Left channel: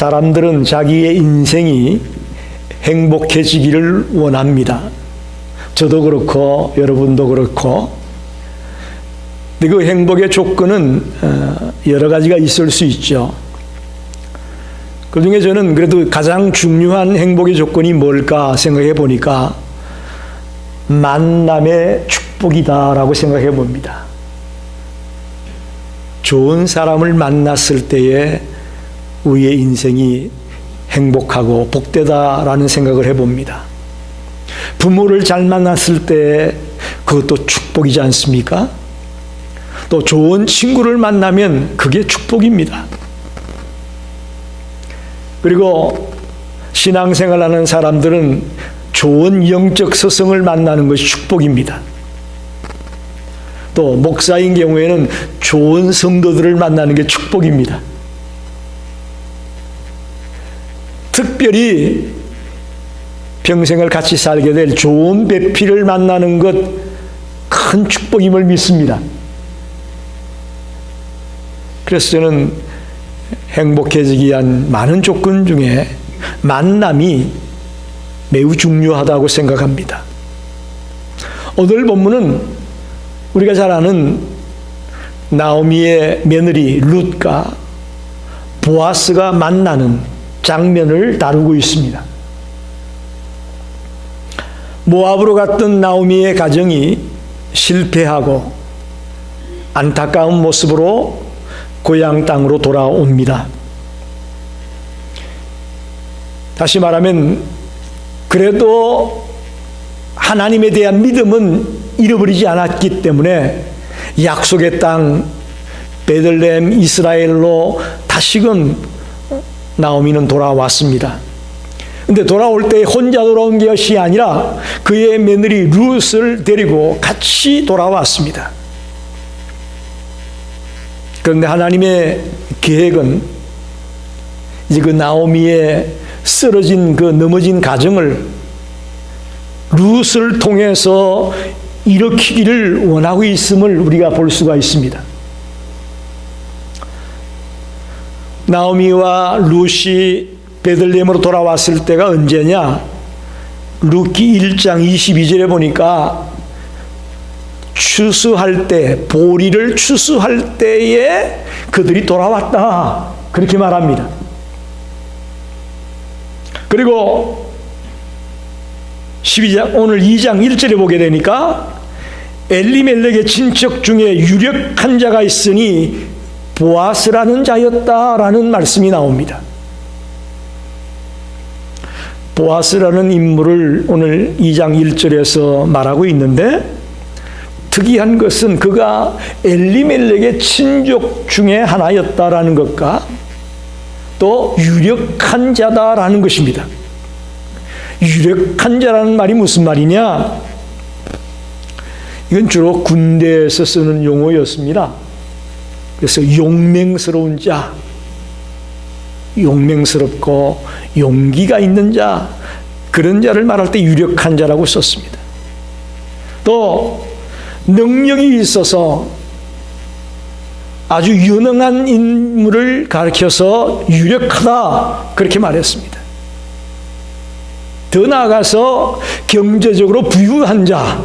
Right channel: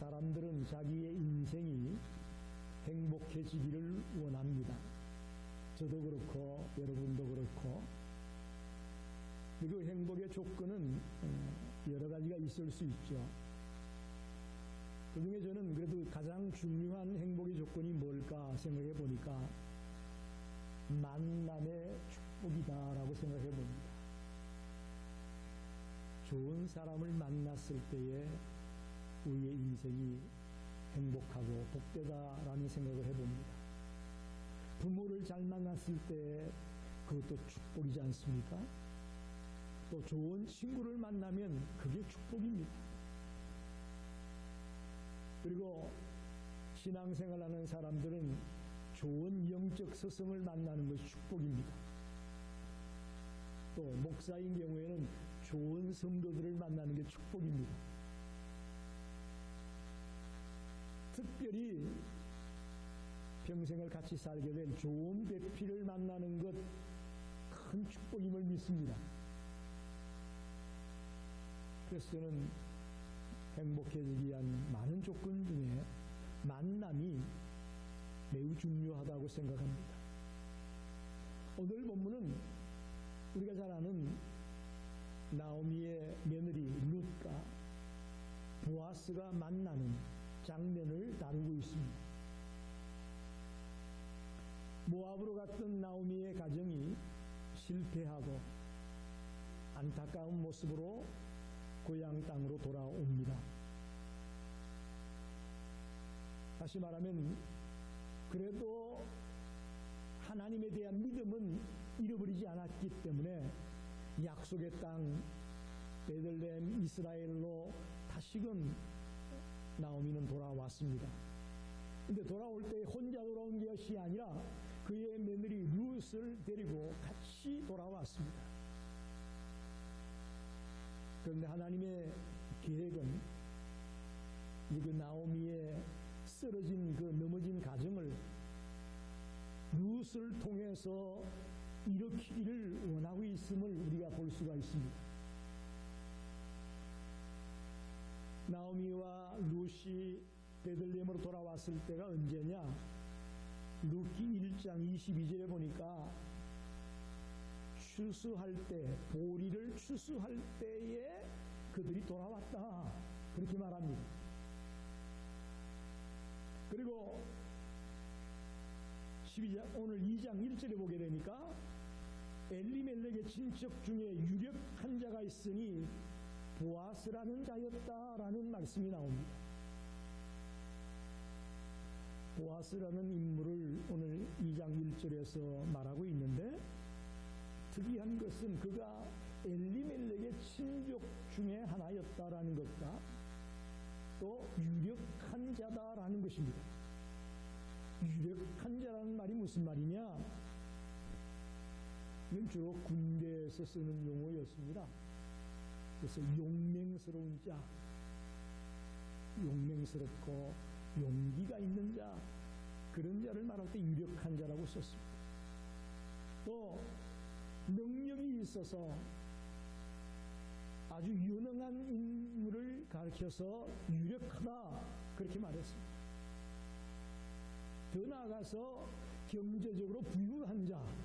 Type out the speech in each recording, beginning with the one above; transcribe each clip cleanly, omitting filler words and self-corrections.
사람들은 자기의 인생이 행복해지기를 원합니다. 저도 그렇고 여러분도 그렇고. 근데 그 행복의 조건은 여러 가지가 있을 수 있죠. 그 중에 저는 그래도 가장 중요한 행복의 조건이 뭘까 생각해 보니까 만남의 축복이다라고 생각해 봅니다. 좋은 사람을 만났을 때에 우리의 인생이 행복하고 복되다라는 생각을 해봅니다. 부모를 잘 만났을 때 그것도 축복이지 않습니까? 또 좋은 친구를 만나면 그게 축복입니다. 그리고 신앙생활하는 사람들은 좋은 영적 스승을 만나는 것이 축복입니다. 또 목사인 경우에는 좋은 성도들을 만나는 게 축복입니다. 특별히 평생을 같이 살게 될 좋은 배필을 만나는 것 큰 축복임을 믿습니다. 그래서 저는 행복해지기 위한 많은 조건 중에 만남이 매우 중요하다고 생각합니다. 오늘 본문은 우리가 잘 아는 나오미의 며느리 룻과 보아스가 만나는 장면을 다루고 있습니다. 모압으로 갔던 나오미의 가정이 실패하고 안타까운 모습으로 고향 땅으로 돌아옵니다. 다시 말하면 그래도 하나님에 대한 믿음은 잃어버리지 않았기 때문에 약속의 땅 베들레헴 이스라엘로 다시금 나오미는 돌아왔습니다. 근데 돌아올 때 혼자 돌아온 것이 아니라 그의 며느리 룻을 데리고 같이 돌아왔습니다. 그런데 하나님의 계획은 이제 그 나오미의 쓰러진 그 넘어진 가정을 룻을 통해서 일으키기를 원하고 있음을 우리가 볼 수가 있습니다. 나오미와 룻이 베들레헴으로 돌아왔을 때가 언제냐? 룻기 1장 22절에 보니까 추수할 때, 보리를 추수할 때에 그들이 돌아왔다, 그렇게 말합니다. 그리고 12장, 오늘 2장 1절에 보게 되니까 엘리멜렉의 친척 중에 유력한 자가 있으니 보아스라는 자였다라는 말씀이 나옵니다. 보아스라는 인물을 오늘 2장 1절에서 말하고 있는데, 특이한 것은 그가 엘리멜렉의 친족 중에 하나였다라는 것과 또 유력한 자다라는 것입니다. 유력한 자라는 말이 무슨 말이냐? 이건 주로 군대에서 쓰는 용어였습니다. 그래서 용맹스러운 자, 용맹스럽고 용기가 있는 자, 그런 자를 말할 때 유력한 자라고 썼습니다. 또 능력이 있어서 아주 유능한 인물을 가리켜서 유력하다, 그렇게 말했습니다. 더 나아가서 경제적으로 부유한 자,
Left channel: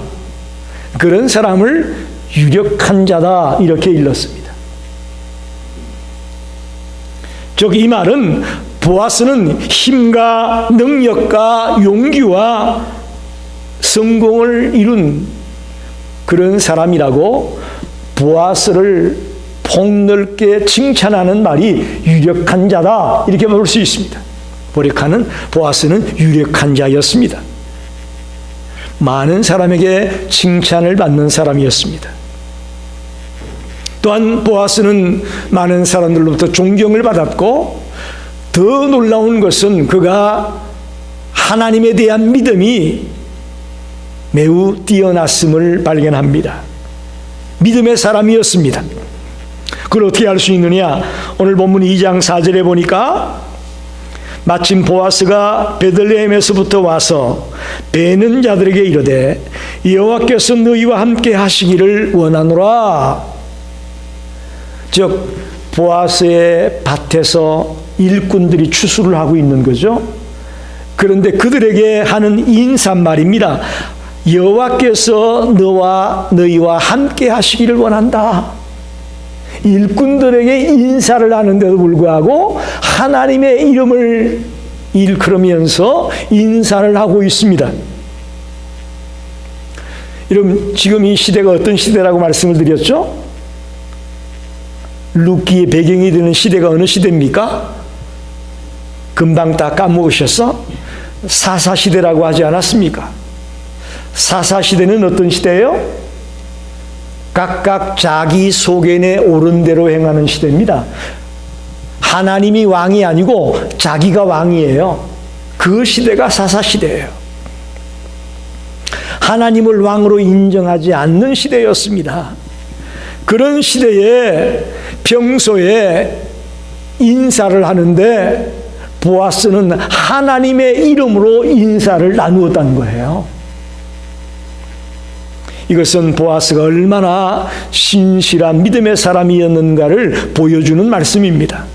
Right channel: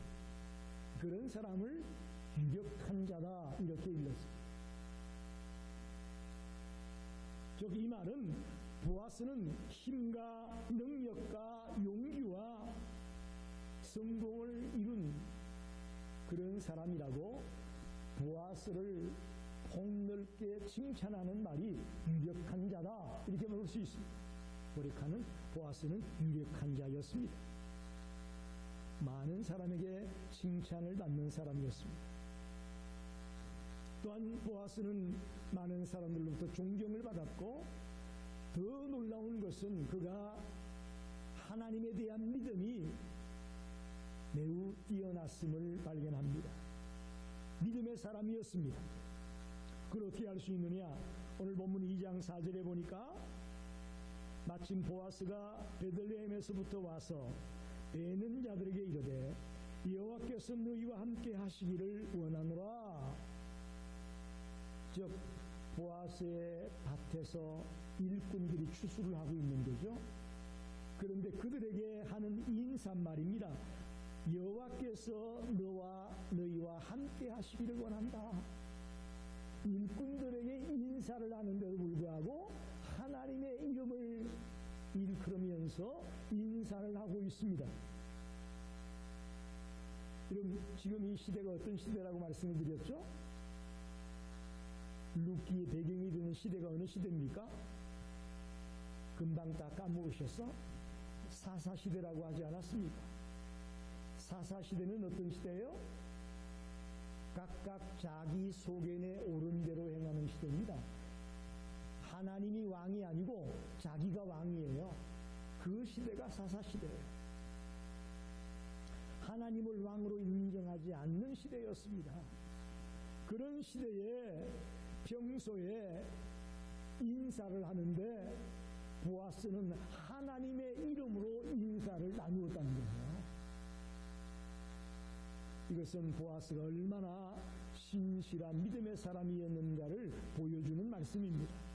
그런 사람을 유력한 자다, 이렇게 일렀습니다. 즉 이 말은 보아스는 힘과 능력과 용기와 성공을 이룬 그런 사람이라고 보아스를 폭넓게 칭찬하는 말이 유력한 자다, 이렇게 볼 수 있습니다. 보아스는 유력한 자였습니다. 많은 사람에게 칭찬을 받는 사람이었습니다. 또한 보아스는 많은 사람들로부터 존경을 받았고, 더 놀라운 것은 그가 하나님에 대한 믿음이 매우 뛰어났음을 발견합니다. 믿음의 사람이었습니다. 그걸 어떻게 알 수 있느냐? 오늘 본문 2장 4절에 보니까 마침 보아스가 베들레헴에서부터 와서 베는 자들에게 이르되 여호와께서 너희와 함께 하시기를 원하노라. 즉 보아스의 밭에서 일꾼들이 추수를 하고 있는 거죠. 그런데 그들에게 하는 인사말입니다. 여호와께서 너희와 함께 하시기를 원한다. 일꾼들에게 인사를 하는데도 불구하고 하나님의 이름을 일컬으면서 인사를 하고 있습니다. 여러분, 지금 이 시대가 어떤 시대라고 말씀을 드렸죠? 룻기의 배경이 되는 시대가 어느 시대입니까? 금방 다 까먹으셨어? 사사시대라고 하지 않았습니까? 사사시대는 어떤 시대예요? 각각 자기 소견에 옳은 대로 행하는 시대입니다. 하나님이 왕이 아니고 자기가 왕이에요. 그 시대가 사사시대예요. 하나님을 왕으로 인정하지 않는 시대였습니다. 그런 시대에 평소에 인사를 하는데 보아스는 하나님의 이름으로 인사를 나누었다는 거예요. 이것은 보아스가 얼마나 신실한 믿음의 사람이었는가를 보여주는 말씀입니다.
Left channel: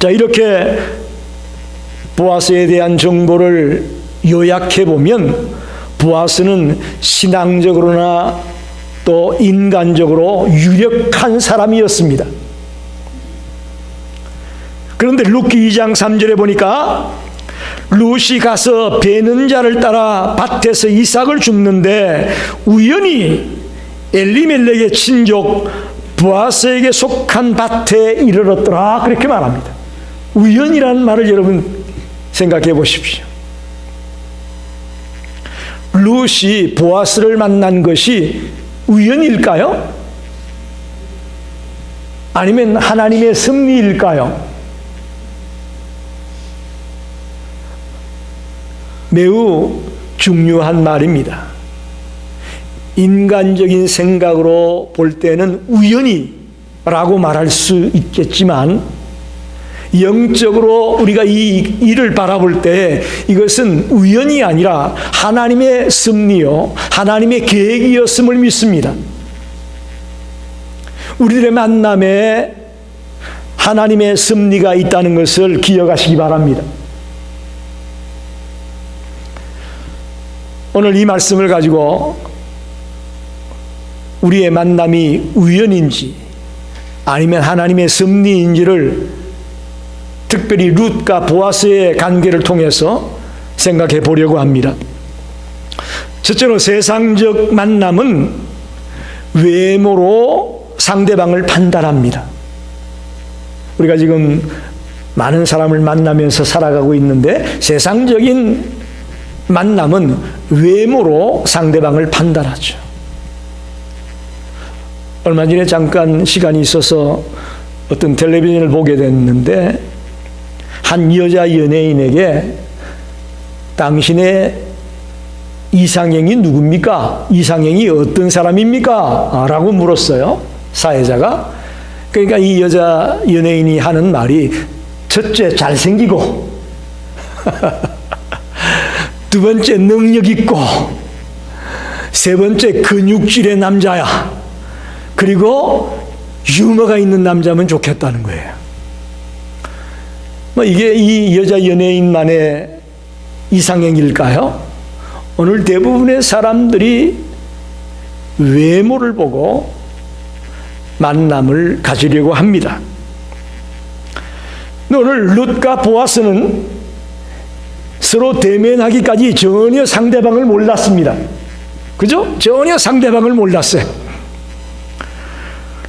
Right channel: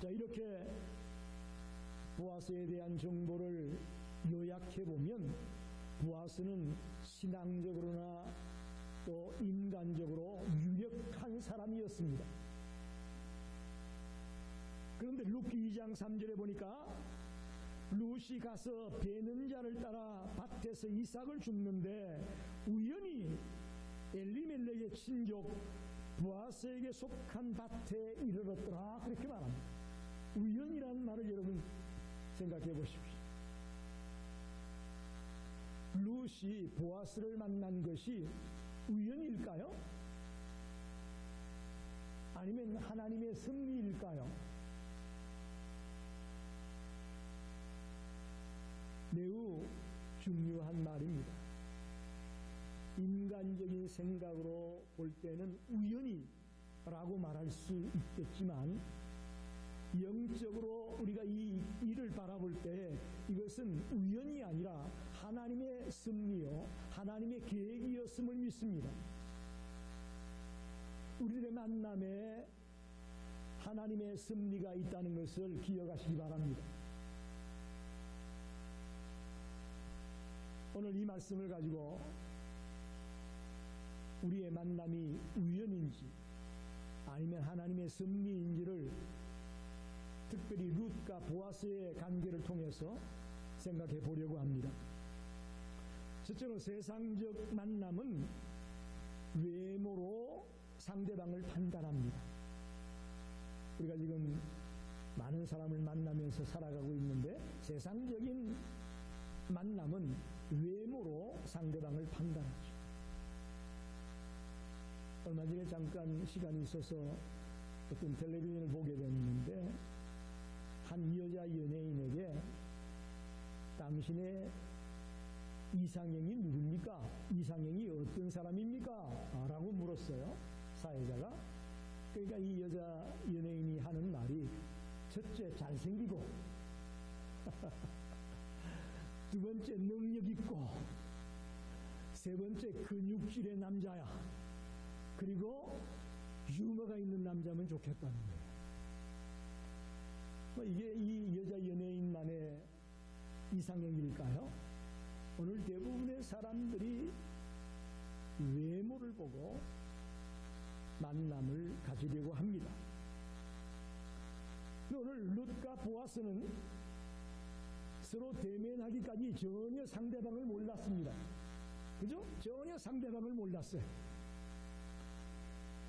자, 이렇게 보아스에 대한 정보를 요약해 보면 보아스는 신앙적으로나 또 인간적으로 유력한 사람이었습니다. 그런데 룻기 2장 3절에 보니까 룻이 가서 베는 자를 따라 밭에서 이삭을 줍는데 우연히 엘리멜렉의 친족 보아스에게 속한 밭에 이르렀더라, 그렇게 말합니다. 우연이라는 말을 여러분 생각해 보십시오. 룻이 보아스를 만난 것이 우연일까요? 아니면 하나님의 섭리일까요? 매우 중요한 말입니다. 인간적인 생각으로 볼 때는 우연이라고 말할 수 있겠지만 영적으로 우리가 이 일을 바라볼 때 이것은 우연이 아니라 하나님의 섭리요, 하나님의 계획이었음을 믿습니다. 우리들의 만남에 하나님의 섭리가 있다는 것을 기억하시기 바랍니다. 오늘 이 말씀을 가지고 우리의 만남이 우연인지 아니면 하나님의 섭리인지를 특별히 룻과 보아스의 관계를 통해서 생각해 보려고 합니다. 첫째로 세상적 만남은 외모로 상대방을 판단합니다. 우리가 지금 많은 사람을 만나면서 살아가고 있는데 세상적인 만남은 외모로 상대방을 판단하죠. 얼마 전에 잠깐 시간이 있어서 어떤 텔레비전을 보게 됐는데 한 여자 연예인에게 당신의 이상형이 누굽니까? 이상형이 어떤 사람입니까? 라고 물었어요, 사회자가. 그러니까 이 여자 연예인이 하는 말이 첫째 잘생기고 두 번째 능력 있고 세 번째 근육질의 남자야. 그리고 유머가 있는 남자면 좋겠다는 거예요. 이게 이 여자 연예인만의 이상형일까요? 오늘 대부분의 사람들이 외모를 보고 만남을 가지려고 합니다. 오늘 룻과 보아스는 서로 대면하기까지 전혀 상대방을 몰랐습니다. 그죠? 전혀 상대방을 몰랐어요.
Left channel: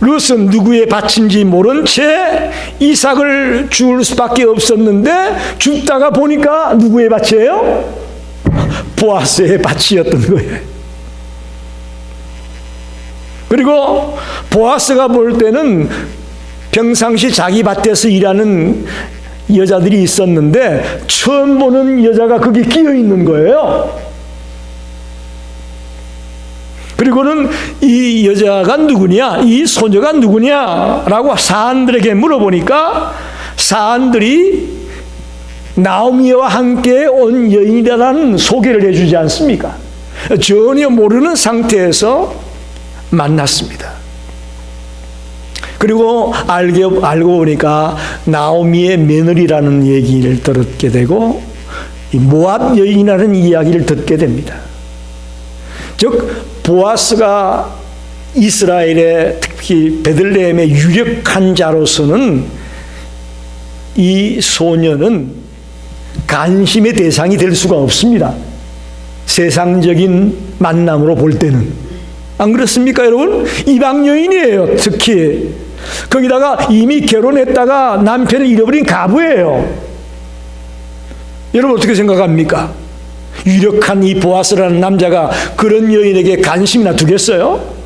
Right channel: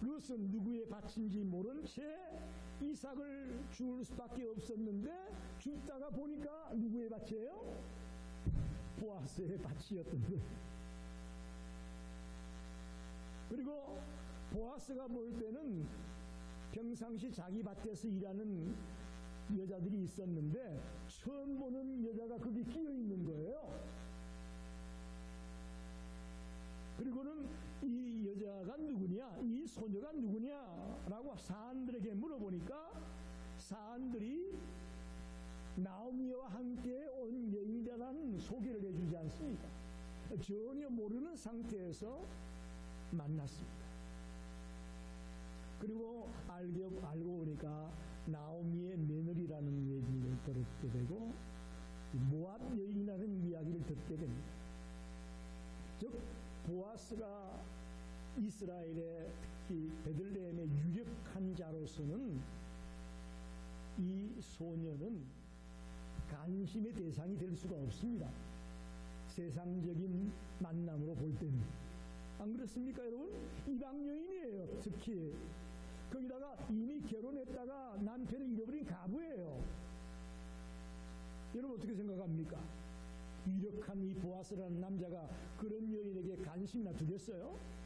룻은 누구의 밭인지 모른 채 이삭을 줄 수밖에 없었는데 줍다가 보니까 누구의 밭이에요? 보아스의 밭이었던 거예요. 그리고 보아스가 볼 때는 평상시 자기 밭에서 일하는 여자들이 있었는데 처음 보는 여자가 거기 끼어 있는 거예요. 그리고는 이 여자가 누구냐, 이 소녀가 누구냐라고 사람들에게 물어보니까 사람들이 나오미와 함께 온 여인이라는 소개를 해주지 않습니까? 전혀 모르는 상태에서 만났습니다. 그리고 알고 보니까 나오미의 며느리라는 얘기를 듣게 되고 이 모압 여인이라는 이야기를 듣게 됩니다. 즉 보아스가 이스라엘의 특히 베들레헴의 유력한 자로서는 이 소녀는 관심의 대상이 될 수가 없습니다. 세상적인 만남으로 볼 때는. 안 그렇습니까, 여러분? 이방 여인이에요, 특히. 거기다가 이미 결혼했다가 남편을 잃어버린 가부예요. 여러분 어떻게 생각합니까? 유력한 이 보아스라는 남자가 그런 여인에게 관심이나 두겠어요?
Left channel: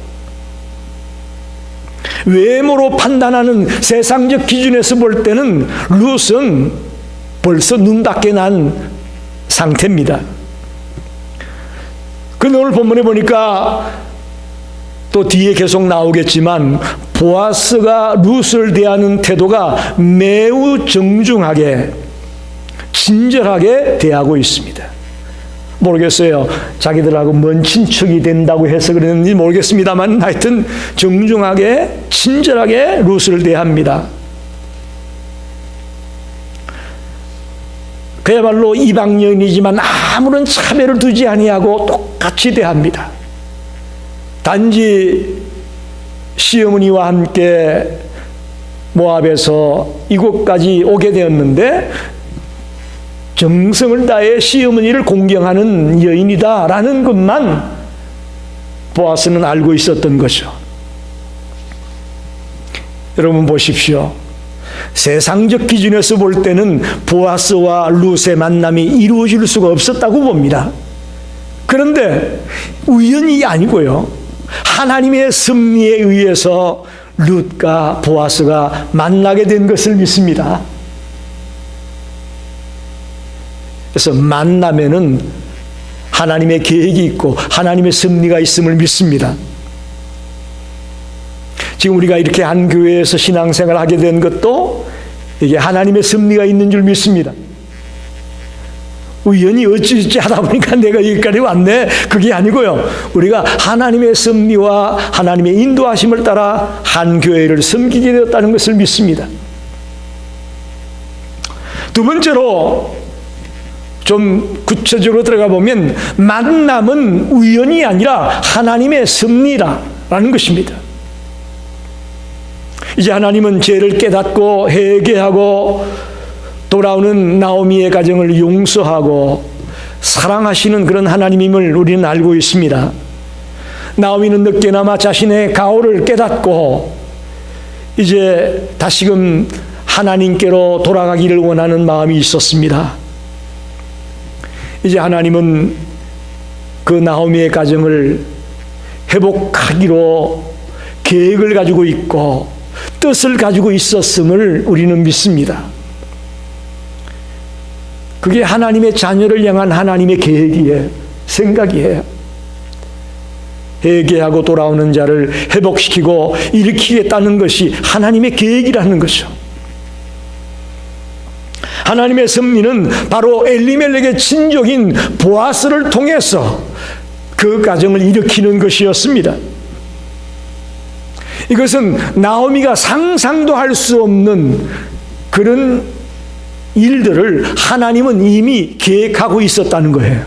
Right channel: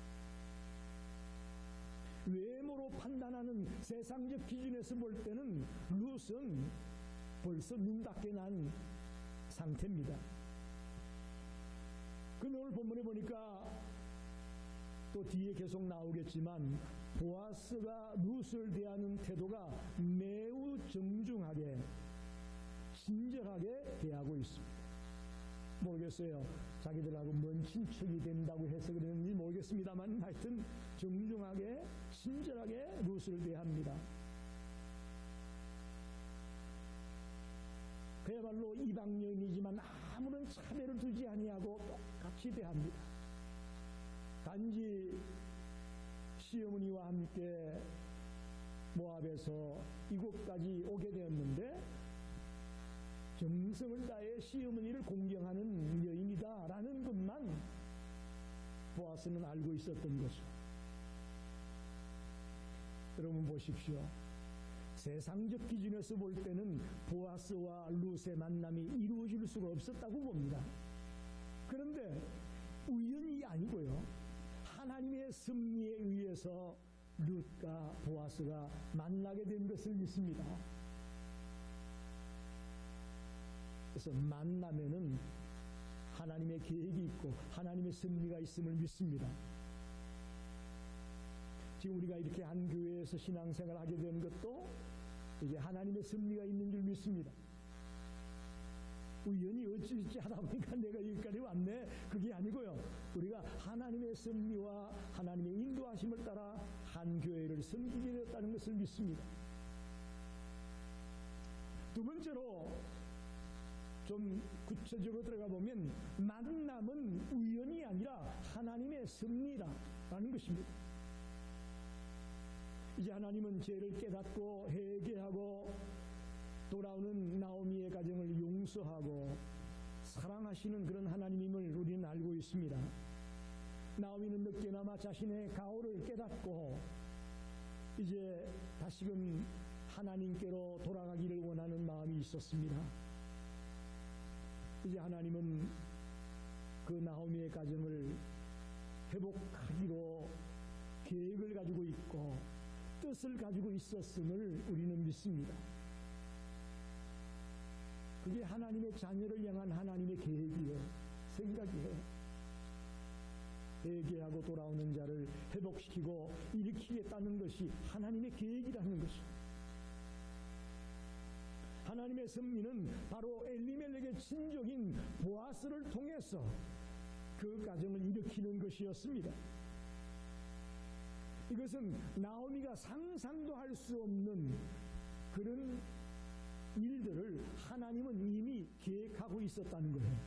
외모로 판단하는 세상적 기준에서 볼 때는 룻은 벌써 눈밖에 난 상태입니다. 그런데 오늘 본문에 보니까 또 뒤에 계속 나오겠지만 보아스가 룻을 대하는 태도가 매우 정중하게 친절하게 대하고 있습니다. 모르겠어요. 자기들하고 먼 친척이 된다고 해서 그랬는지 모르겠습니다만 하여튼 정중하게 친절하게 룻을 대합니다. 그야말로 이방 여인이지만 아무런 차별을 두지 아니하고 똑같이 대합니다. 단지 시어머니와 함께 모압에서 이곳까지 오게 되었는데 정성을 다해 시어머니를 공경하는 여인이다라는 것만 보아스는 알고 있었던 거죠. 여러분 보십시오. 세상적 기준에서 볼 때는 보아스와 룻의 만남이 이루어질 수가 없었다고 봅니다. 그런데 우연이 아니고요. 하나님의 섭리에 의해서 룻과 보아스가 만나게 된 것을 믿습니다. 그래서 만남에는 하나님의 계획이 있고 하나님의 섭리가 있음을 믿습니다. 지금 우리가 이렇게 한 교회에서 신앙생활을 하게 된 것도 이게 하나님의 섭리가 있는 줄 믿습니다. 우연히 어찌어찌 하다 보니까 내가 여기까지 왔네. 그게 아니고요. 우리가 하나님의 섭리와 하나님의 인도하심을 따라 한 교회를 섬기게 되었다는 것을 믿습니다. 두 번째로 좀 구체적으로 들어가 보면 만남은 우연이 아니라 하나님의 섭리라는 것입니다. 이제 하나님은 죄를 깨닫고 회개하고 돌아오는 나오미의 가정을 용서하고 사랑하시는 그런 하나님임을 우리는 알고 있습니다. 나오미는 늦게나마 자신의 가오를 깨닫고 이제 다시금 하나님께로 돌아가기를 원하는 마음이 있었습니다. 이제 하나님은 그 나오미의 가정을 회복하기로 계획을 가지고 있고 뜻을 가지고 있었음을 우리는 믿습니다. 그게 하나님의 자녀를 향한 하나님의 계획이에요. 생각이에요. 회개하고 돌아오는 자를 회복시키고 일으키겠다는 것이 하나님의 계획이라는 거죠. 하나님의 섭리는 바로 엘리멜렉의 친족인 보아스를 통해서 그 가정을 일으키는 것이었습니다. 이것은 나오미가 상상도 할 수 없는 그런 일들을 하나님은 이미 계획하고 있었다는 거예요.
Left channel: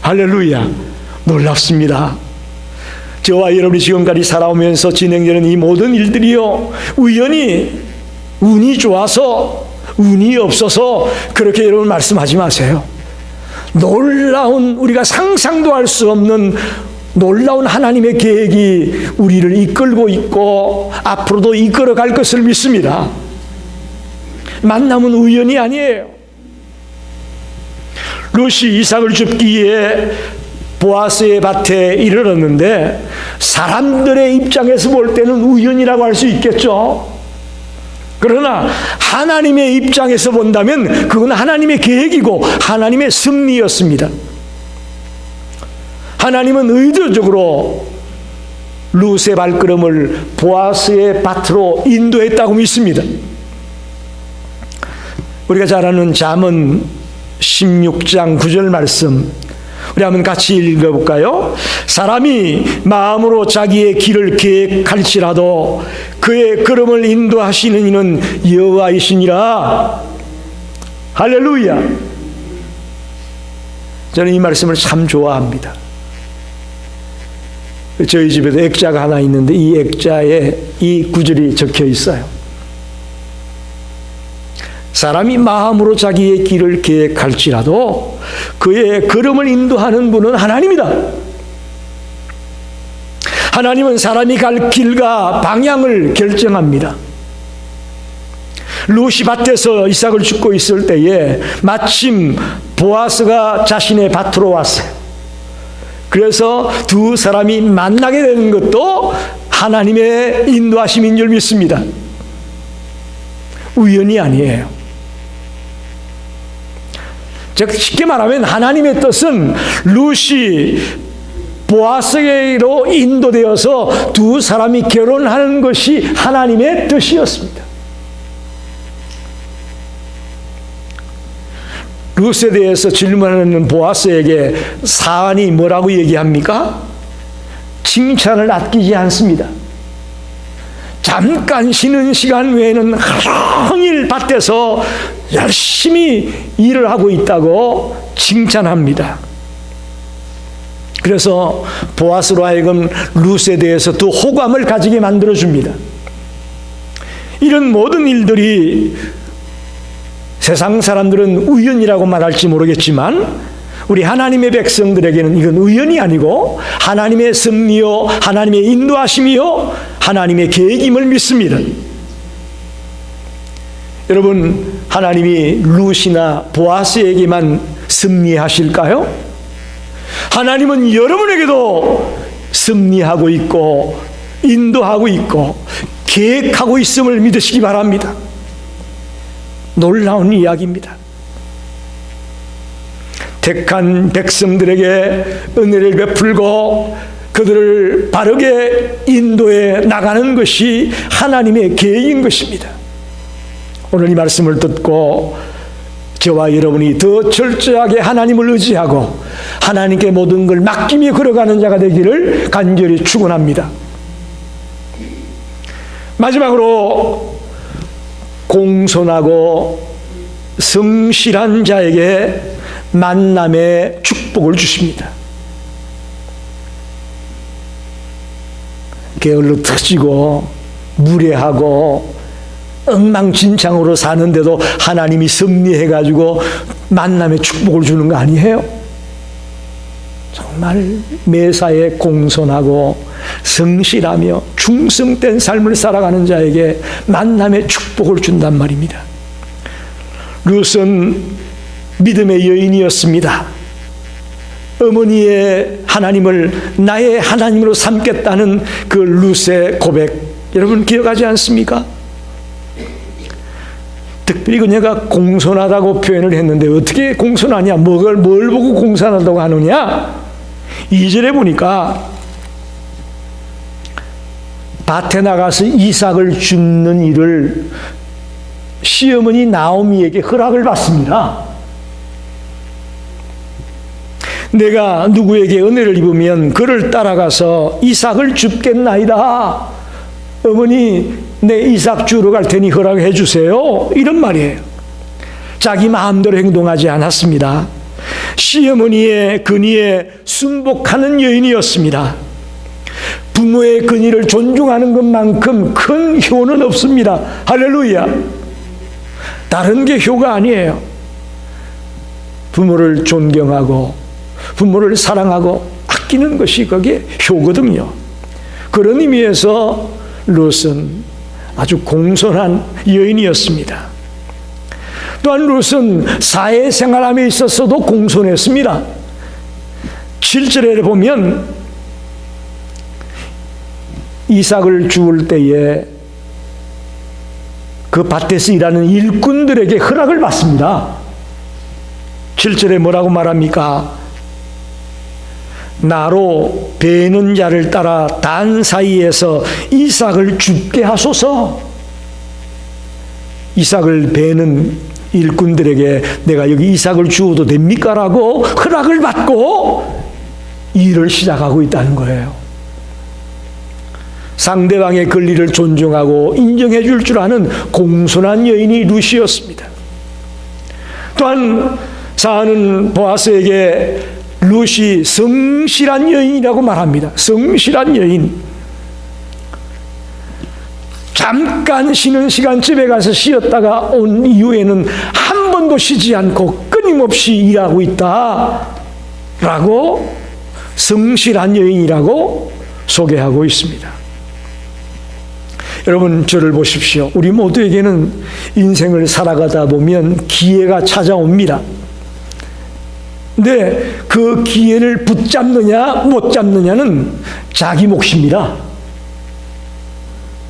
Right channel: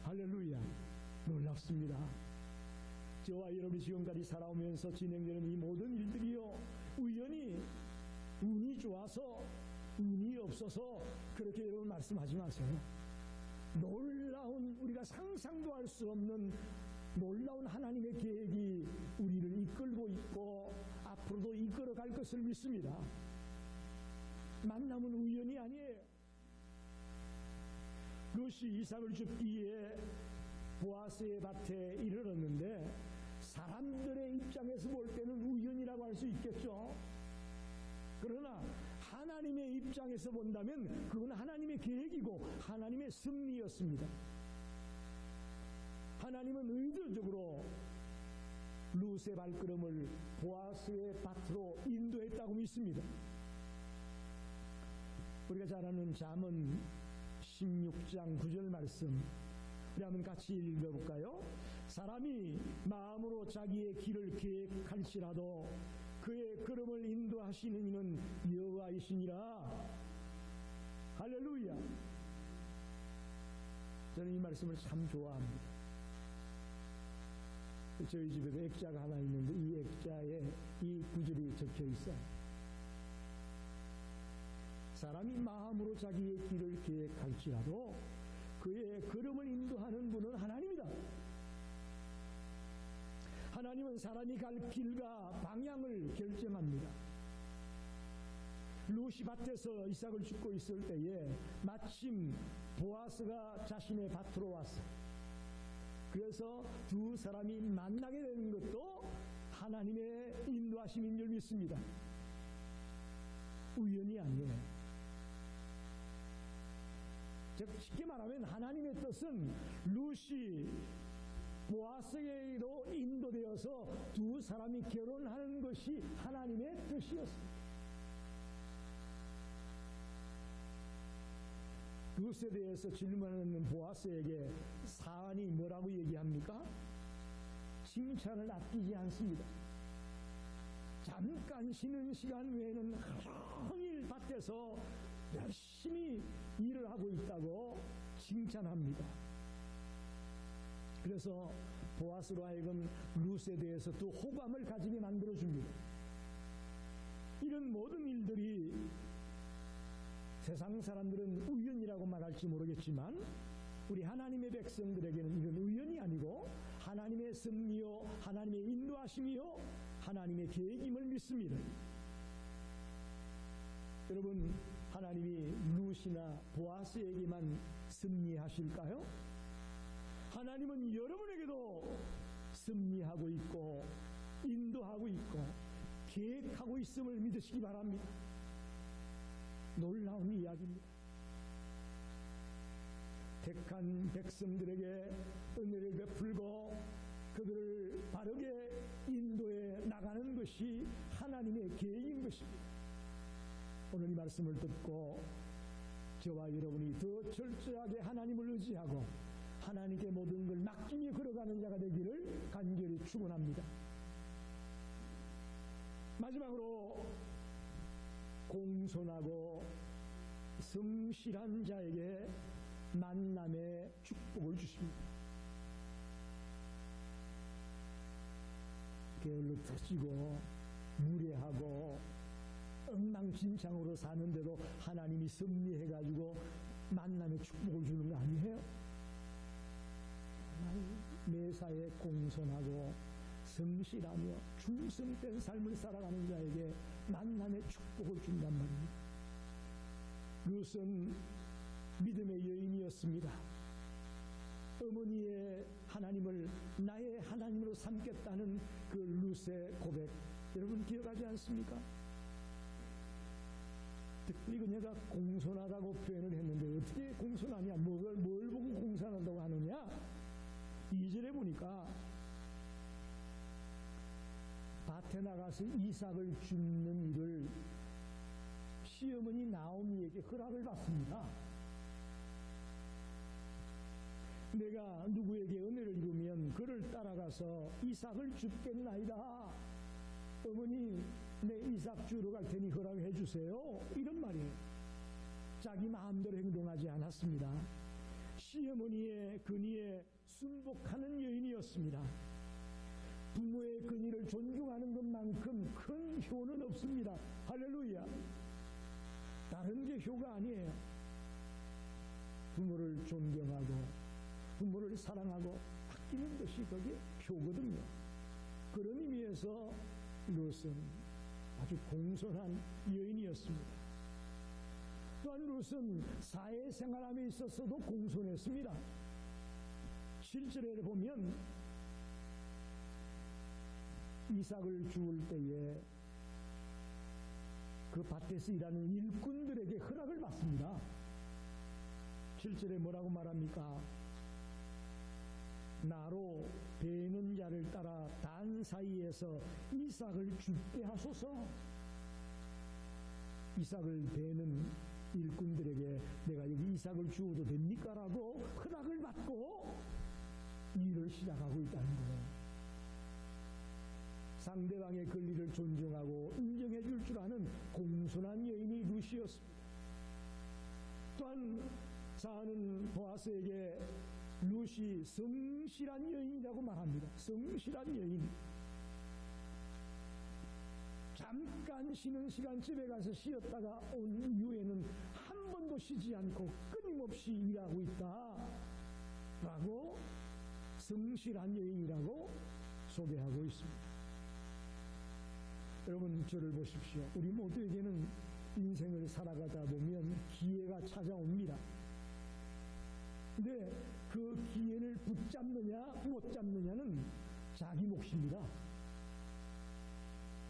할렐루야. 놀랍습니다. 저와 여러분이 지금까지 살아오면서 진행되는 이 모든 일들이요, 우연히 운이 좋아서 운이 없어서 그렇게 여러분 말씀하지 마세요. 놀라운, 우리가 상상도 할 수 없는 놀라운 하나님의 계획이 우리를 이끌고 있고 앞으로도 이끌어 갈 것을 믿습니다. 만남은 우연이 아니에요. 룻이 이삭을 줍기 위해 보아스의 밭에 이르렀는데 사람들의 입장에서 볼 때는 우연이라고 할 수 있겠죠. 그러나 하나님의 입장에서 본다면 그건 하나님의 계획이고 하나님의 섭리였습니다. 하나님은 의도적으로 룻의 발걸음을 보아스의 밭으로 인도했다고 믿습니다. 우리가 잘 아는 잠언 16장 9절 말씀, 우리 한번 같이 읽어볼까요? 사람이 마음으로 자기의 길을 계획할지라도 그의 걸음을 인도하시는 이는 여호와이시니라. 할렐루야. 저는 이 말씀을 참 좋아합니다. 저희 집에도 액자가 하나 있는데 이 액자에 이 구절이 적혀 있어요. 사람이 마음으로 자기의 길을 계획할지라도 그의 걸음을 인도하는 분은 하나님이다. 하나님은 사람이 갈 길과 방향을 결정합니다. 룻이 밭에서 이삭을 줍고 있을 때에 마침 보아스가 자신의 밭으로 왔어요. 그래서 두 사람이 만나게 되는 것도 하나님의 인도하심인 줄 믿습니다. 우연이 아니에요. 즉 쉽게 말하면 하나님의 뜻은 룻이 보아스에게로 인도되어서 두 사람이 결혼하는 것이 하나님의 뜻이었습니다. 룻에 대해서 질문하는 보아스에게 사안이 뭐라고 얘기합니까? 칭찬을 아끼지 않습니다. 잠깐 쉬는 시간 외에는 하루 종일 밭에서 열심히 일을 하고 있다고 칭찬합니다. 그래서 보아스로 하여금 룻에 대해서 더 호감을 가지게 만들어줍니다. 이런 모든 일들이 세상 사람들은 우연이라고 말할지 모르겠지만 우리 하나님의 백성들에게는 이건 우연이 아니고 하나님의 섭리요, 하나님의 인도하심이요, 하나님의 계획임을 믿습니다. 여러분, 하나님이 룻이나 보아스에게만 섭리하실까요? 하나님은 여러분에게도 섭리하고 있고 인도하고 있고 계획하고 있음을 믿으시기 바랍니다. 놀라운 이야기입니다. 택한 백성들에게 은혜를 베풀고 그들을 바르게 인도해 나가는 것이 하나님의 계획인 것입니다. 오늘 이 말씀을 듣고 저와 여러분이 더 철저하게 하나님을 의지하고 하나님께 모든 걸 맡기며 걸어가는 자가 되기를 간절히 축원합니다. 마지막으로 공손하고 성실한 자에게 만남의 축복을 주십니다. 게을러 터지고 무례하고 엉망진창으로 사는데도 하나님이 섭리해가지고 만남의 축복을 주는 거 아니에요? 정말 매사에 공손하고 성실하며 충성된 삶을 살아가는 자에게 만남의 축복을 준단 말입니다. 룻은 믿음의 여인이었습니다. 어머니의 하나님을 나의 하나님으로 삼겠다는 그 룻의 고백, 여러분 기억하지 않습니까? 특별히 그녀가 공손하다고 표현을 했는데 어떻게 공손하냐? 뭘 보고 공손하다고 하느냐? 2절에 보니까 밭에 나가서 이삭을 줍는 일을 시어머니 나오미에게 허락을 받습니다. 내가 누구에게 은혜를 입으면 그를 따라가서 이삭을 줍겠나이다. 어머니, 내 이삭 주러 갈 테니 허락해 주세요. 이런 말이에요. 자기 마음대로 행동하지 않았습니다. 시어머니의 근의에 순복하는 여인이었습니다. 부모의 근의를 존중하는 것만큼 큰 효는 없습니다. 할렐루야. 다른 게 효가 아니에요. 부모를 존경하고 부모를 사랑하고 아끼는 것이 그게 효거든요. 그런 의미에서 룻은 아주 공손한 여인이었습니다. 또한 룻은 사회생활함에 있어서도 공손했습니다. 7절에 보면 이삭을 주울 때에 그 밭에서 일하는 일꾼들에게 허락을 받습니다. 7절에 뭐라고 말합니까? 나로 베는 자를 따라 단 사이에서 이삭을 줍게 하소서. 이삭을 베는 일꾼들에게 내가 여기 이삭을 주어도 됩니까? 라고 허락을 받고 일을 시작하고 있다는 거예요. 상대방의 권리를 존중하고 인정해 줄 줄 아는 공손한 여인이 룻이었습니다. 또한 사안은 보아스에게 룻이 성실한 여인이라고 말합니다. 성실한 여인. 잠깐 쉬는 시간 집에 가서 쉬었다가 온 이후에는 한 번도 쉬지 않고 끊임없이 일하고 있다라고 성실한 여인이라고 소개하고 있습니다. 여러분, 저를 보십시오. 우리 모두에게는 인생을 살아가다 보면 기회가 찾아옵니다. 근데 그 기회를 붙잡느냐 못 잡느냐는 자기 몫입니다.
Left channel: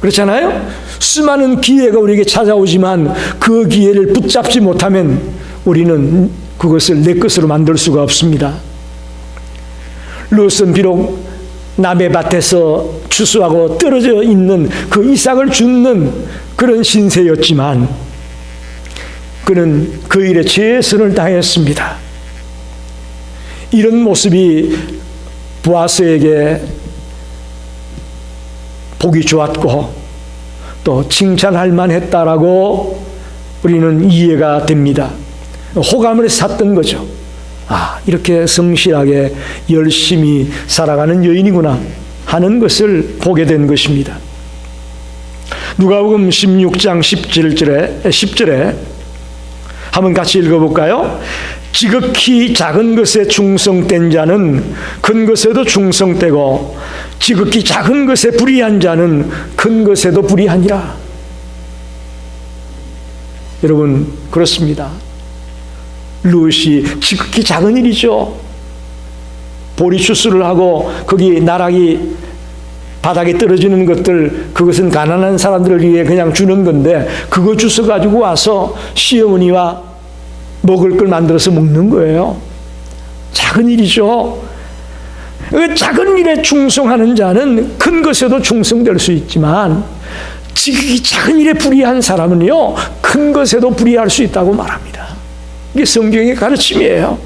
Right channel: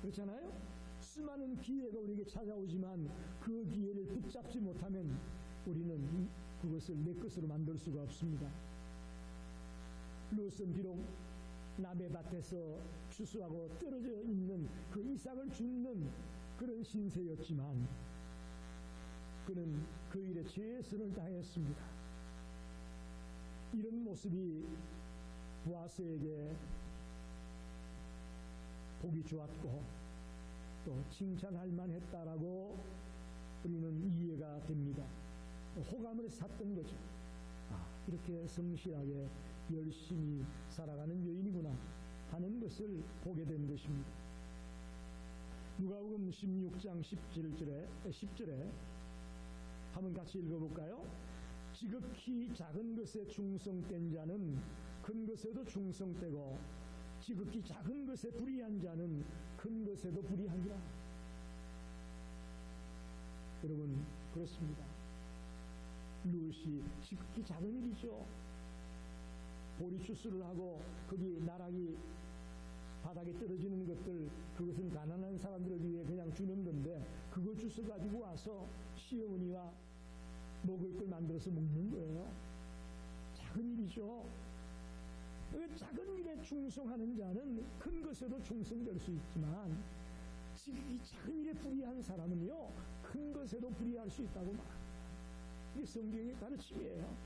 그렇잖아요? 수많은 기회가 우리에게 찾아오지만 그 기회를 붙잡지 못하면 우리는 그것을 내 것으로 만들 수가 없습니다. 룻은 비록 남의 밭에서 추수하고 떨어져 있는 그 이삭을 줍는 그런 신세였지만 그는 그 일에 최선을 다했습니다. 이런 모습이 보아스에게 보기 좋았고 또 칭찬할 만했다라고 우리는 이해가 됩니다. 호감을 샀던 거죠. 아, 이렇게 성실하게 열심히 살아가는 여인이구나 하는 것을 보게 된 것입니다. 누가복음 16장 10절에 한번 같이 읽어볼까요? 지극히 작은 것에 충성된 자는 큰 것에도 충성되고 지극히 작은 것에 불의한 자는 큰 것에도 불의하니라. 여러분, 그렇습니다. 룻이 지극히 작은 일이죠. 보리 추수를 하고 거기 나락이 바닥에 떨어지는 것들, 그것은 가난한 사람들을 위해 그냥 주는 건데 그거 주워 가지고 와서 시어머니와 먹을 걸 만들어서 먹는 거예요. 작은 일이죠. 그 작은 일에 충성하는 자는 큰 것에도 충성될 수 있지만 지극히 작은 일에 불의한 사람은요, 큰 것에도 불의할 수 있다고 말합니다. 이게 성경의 가르침이에요.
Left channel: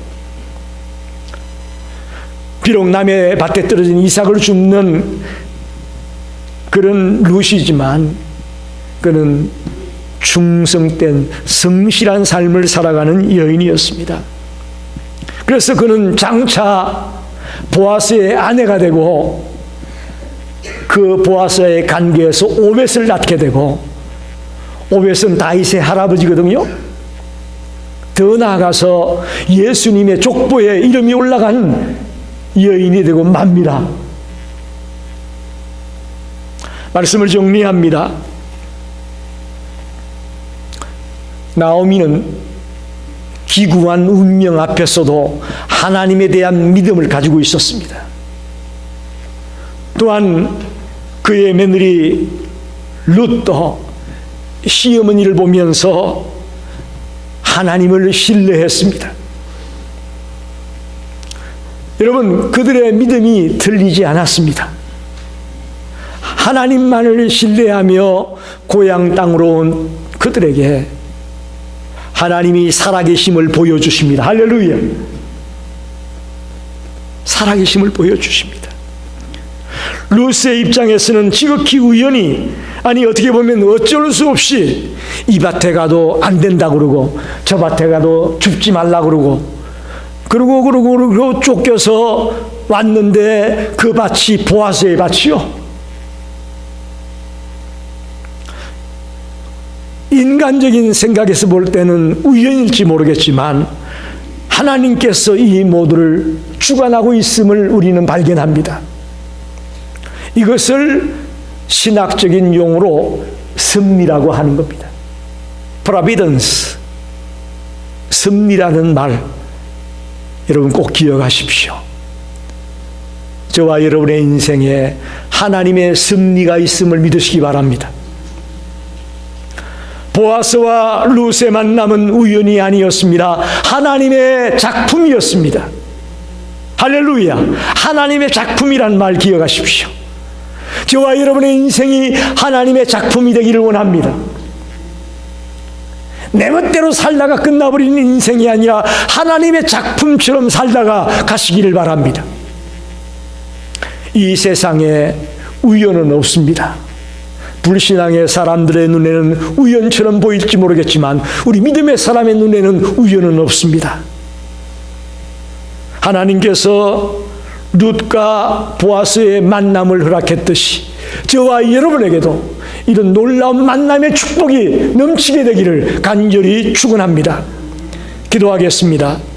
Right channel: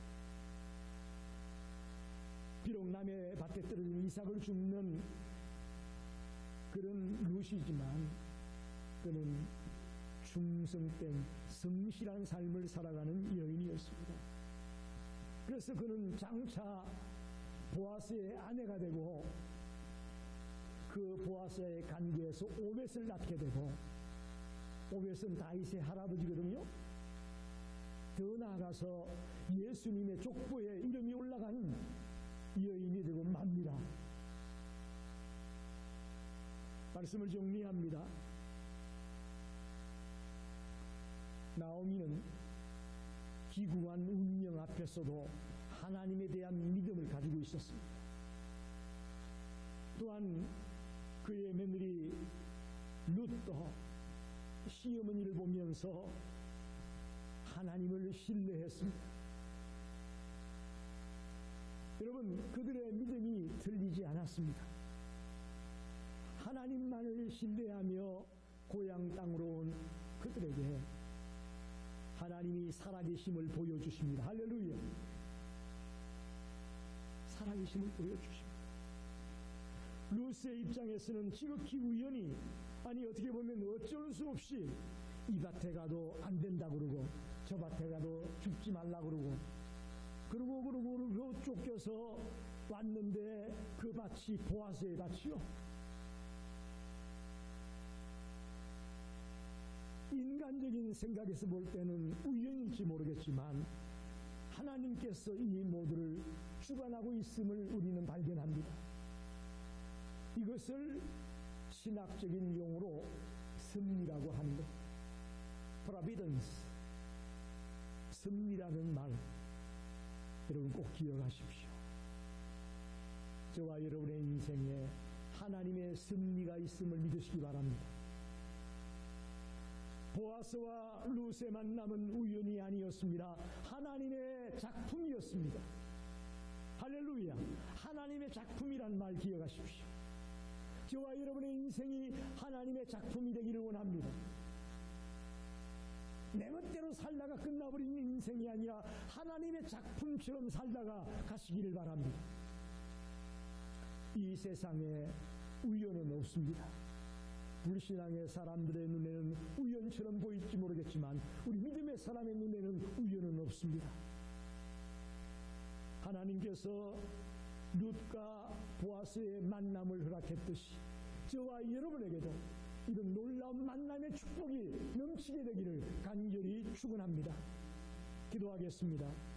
비록 남의 밭에 떨어진 이삭을 줍는 그런 룻이지만 그는 충성된 성실한 삶을 살아가는 여인이었습니다. 그래서 그는 장차 보아스의 아내가 되고 그 보아스의 관계에서 오벳을 낳게 되고, 오벳은 다윗의 할아버지거든요. 더 나아가서 예수님의 족보에 이름이 올라간 여인이 되고 맙니다. 말씀을 정리합니다. 나오미는 기구한 운명 앞에서도 하나님에 대한 믿음을 가지고 있었습니다. 또한 그의 며느리 룻도 시어머니를 보면서 하나님을 신뢰했습니다. 여러분, 그들의 믿음이 틀리지 않았습니다. 하나님만을 신뢰하며 고향 땅으로 온 그들에게 하나님이 살아계심을 보여주십니다. 할렐루야. 살아계심을 보여주십니다. 룻의 입장에서는 지극히 우연히, 아니 어떻게 보면 어쩔 수 없이 이 밭에 가도 안 된다 그러고 저 밭에 가도 줍지 말라 그러고 그러고 쫓겨서 왔는데 그 밭이 보아스의 밭이요. 인간적인 생각에서 볼 때는 우연일지 모르겠지만 하나님께서 이 모두를 주관하고 있음을 우리는 발견합니다. 이것을 신학적인 용어로 섭리라고 하는 겁니다. Providence, 섭리라는 말, 여러분 꼭 기억하십시오. 저와 여러분의 인생에 하나님의 섭리가 있음을 믿으시기 바랍니다. 보아스와 룻의 만남은 우연이 아니었습니다. 하나님의 작품이었습니다. 할렐루야. 하나님의 작품이란 말 기억하십시오. 저와 여러분의 인생이 하나님의 작품이 되기를 원합니다. 내 멋대로 살다가 끝나버리는 인생이 아니라 하나님의 작품처럼 살다가 가시기를 바랍니다. 이 세상에 우연은 없습니다. 불신앙의 사람들의 눈에는 우연처럼 보일지 모르겠지만 우리 믿음의 사람의 눈에는 우연은 없습니다. 하나님께서 룻과 보아스의 만남을 허락했듯이 저와 여러분에게도 이런 놀라운 만남의 축복이 넘치게 되기를 간절히 축원합니다. 기도하겠습니다.